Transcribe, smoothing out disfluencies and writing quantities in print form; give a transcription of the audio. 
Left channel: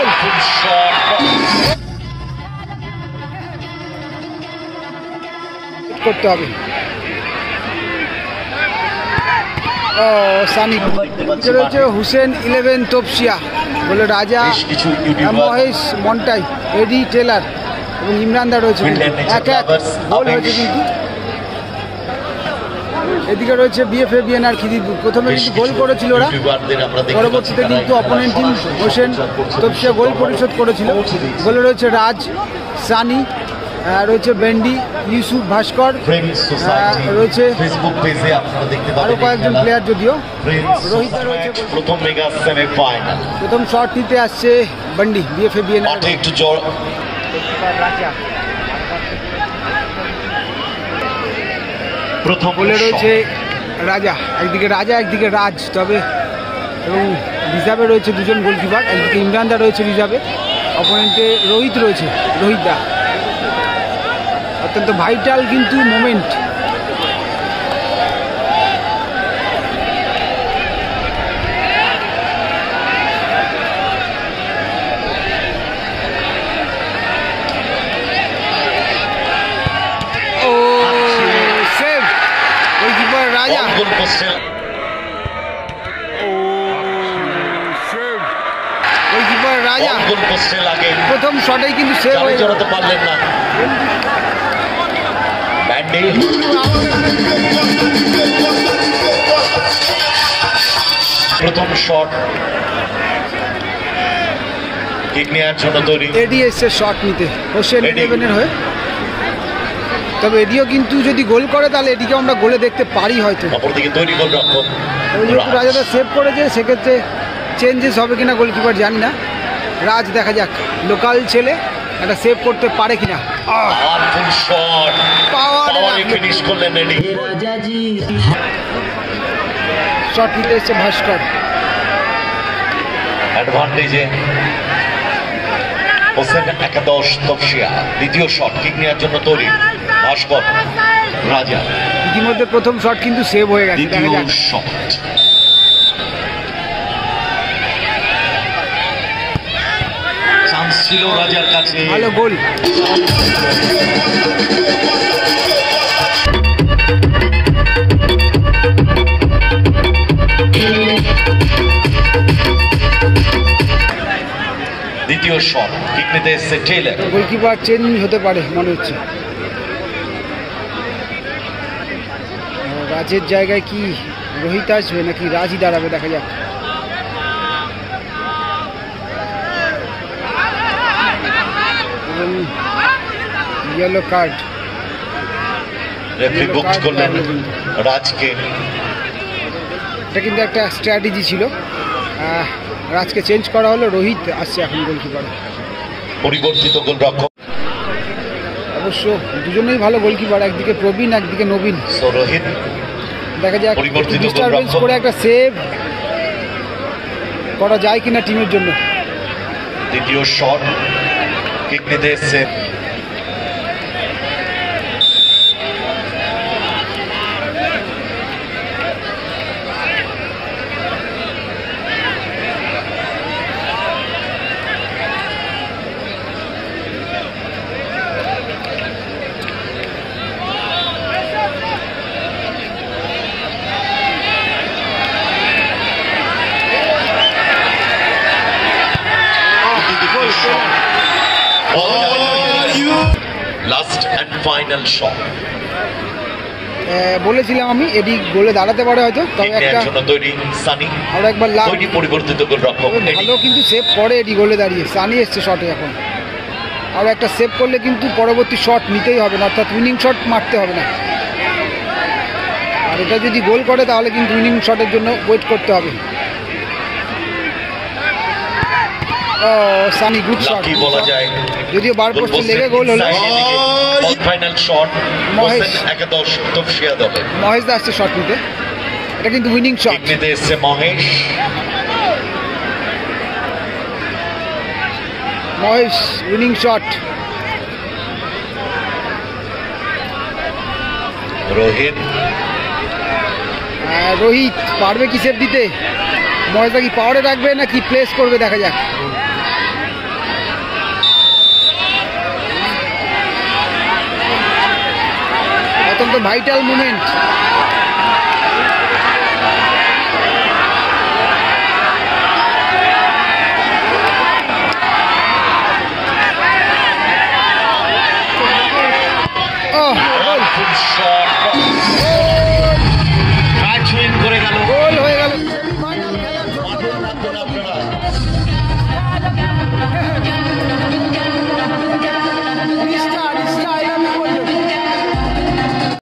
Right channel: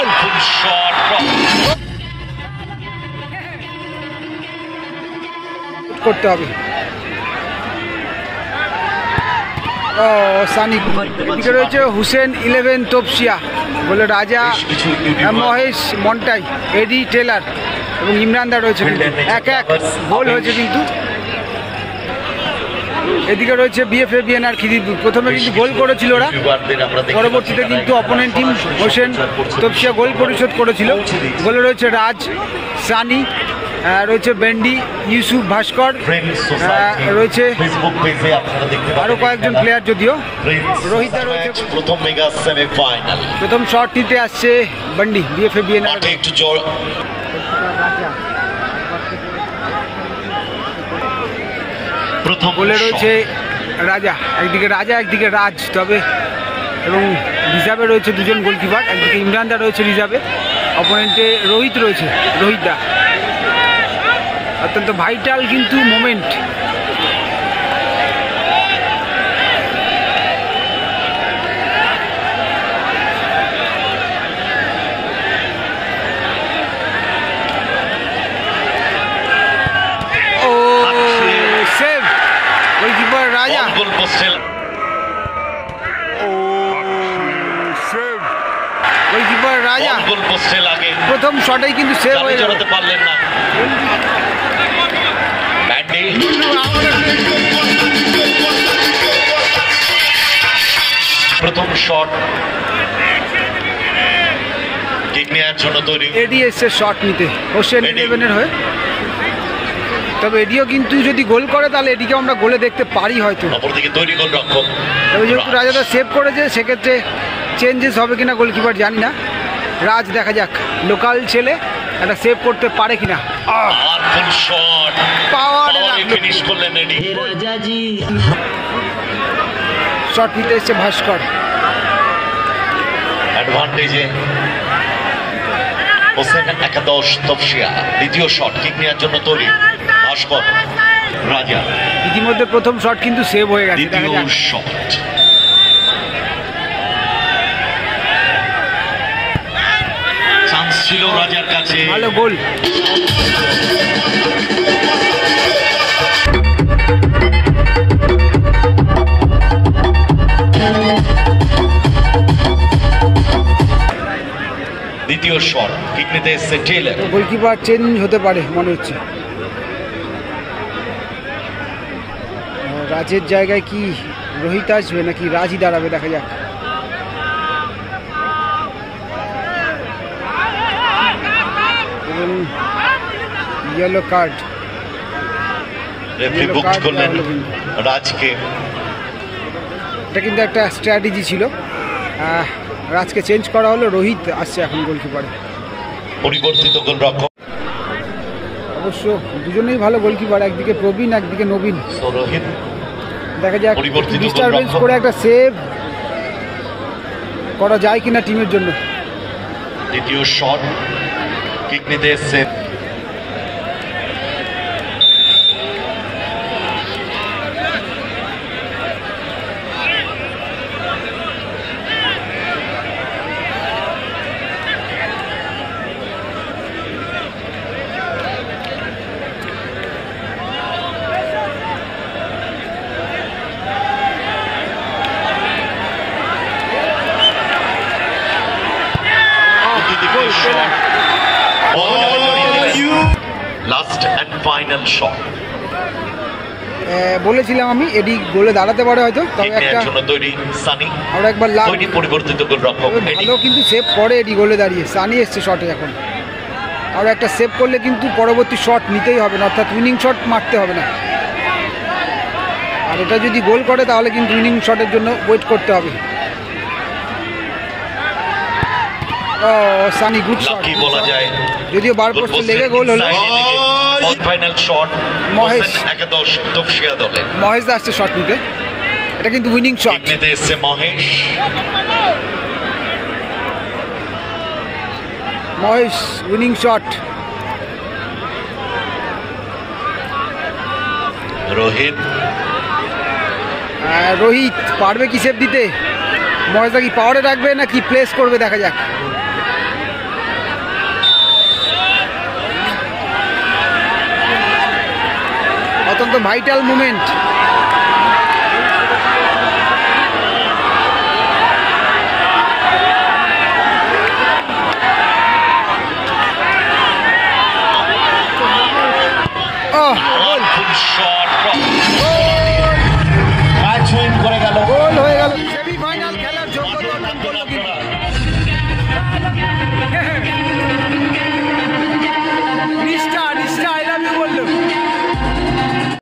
গোল করতে হবে। ও সানি এদিকে রয়েছে হুসেন 11 তোপসিয়া, বলে রাজা, মহেশ মন্টাই, এডি টেলার এবং ইমরানদা রয়েছে। এক গোল হয়েছে কিন্তু। এদিকে রয়েছে বিএফএবিএন আর খিদিরপুর। প্রথমে কিন্তু গোল করেছিল ওরা, পরবর্তীতে কিন্তু অপোনেন্ট টিম হোসেন তোপসিয়া গোল পরিশোধ করেছিল। গোলে রয়েছে রাজ, সানি, রয়েছে বেন্ডি, ইউসুফ ভাস্কর, রয়েছে আরো কয়েকজন প্লেয়ার, যদিও রোহিতা রয়েছে। প্রথম শট নিতে আসছে বেন্ডি বিএফএবিএন। গোলে রয়েছে রাজা, একদিকে রাজা একদিকে রাজ, তবে এবং রিজার্ভে রয়েছে দুজন গোলকিপার। একদিকে ইমরানদা রয়েছে রিজার্ভে, অপোনেন্টে রোহিত রয়েছে, রোহিতদা। অত্যন্ত ভাইটাল কিন্তু মোমেন্ট। ও সেভ, গোলকিপার রাজা। ও সেভ, গোলকিপার রাজা। প্রথম শটেই কিন্তু সেভ হয়ে গেল। প্রথম শট কিক নেওয়ার জন্য তৈরি। এডি এসে শট নিতে হোসেন 11-এর হয়ে। তবে এডিও কিন্তু যদি গোল করে তাহলে এডিকে আমরা গোলে দেখতে পারি হয়তো। অপরদিকে তৈরি গোলরক্ষক, তবে যেহেতু রাজাদা সেভ করেছে সেক্ষেত্রে চেঞ্জেস হবে কিনা গোলকিপার জানি না। রাজ দেখা যাক, লোকাল ছেলে একটা সেভ করতে পারে কিনা। শট নিতে এসছে ভাস্কর। অ্যাডভান্টেজে হোসেন একাদশ তোপসিয়া। দ্বিতীয় শট কিক নেওয়ার জন্য তৈরি ভাস্কর, রাজা। ইতিমধ্যে প্রথম শট কিন্তু সেভ হয়ে গেছে, দেখা যাক। চান্স ছিল রাজার কাছে, ভালো গোল। দ্বিতীয় শট কিক নিতে এসেছে টেইলর। গোলকিপার চেঞ্জ হতে পারে মনে হচ্ছে। রাজের জায়গায় কি রোহিত আসবে নাকি রাজই দাঁড়াবে, দেখা যাক। এবং ইয়েলো কার্ড, রাজকে। এটা কিন্তু একটা স্ট্র্যাটেজি ছিল। রাজকে চেঞ্জ করা হলো, রোহিত আসছে এখন গোলকিপারে। পরিবর্তিত গোলরক্ষক, অবশ্য দুজনেই ভালো গোলকিপার, একদিকে প্রবীণ একদিকে নবীন। রোহিত দেখা যাক ডিস্টারবেন্স করে একটা সেভ করা যায় কিনা টিমের জন্য। দ্বিতীয় শট কিক নিতে এসেছে লাস্ট এন্ড ফাইনাল শট। বলেছিলাম আমি এডি গোলে দাঁড়াতে পারে হয়তো, তবে একটা আমরা একবার পরিবর্তিত গোলরক্ষক ভালো কিন্তু সেভ করে এডি গোলে দাঁড়িয়ে। সানি এসছে শটে এখন, আর একটা সেভ করলে কিন্তু পরবর্তী শট নিতেই হবে না, অর্থাৎ উইনিং শট মারতে হবে না। আর এটা যদি গোল করে তাহলে কিন্তু উইনিং শটের জন্য ওয়েট করতে হবে। ও সানি গুড শট, যদিও বার পোস্টে লেগে গোল হলো। ফাইনাল শট মহেশ একাদশ তোপসিয়া দলে। মহেশ দা আসছে শট নিতে, এটা কিন্তু উইনিং শট নিতে এসেছে মহেশ। Mahesh winning shot. রোহিত রোহিত পারবে কি সেভ দিতে? মহেশ দা কি পাওয়ারে রাখবে নাকি প্লেস করবে, দেখা যাক। অত্যন্ত ভাইটাল মুমেন্ট।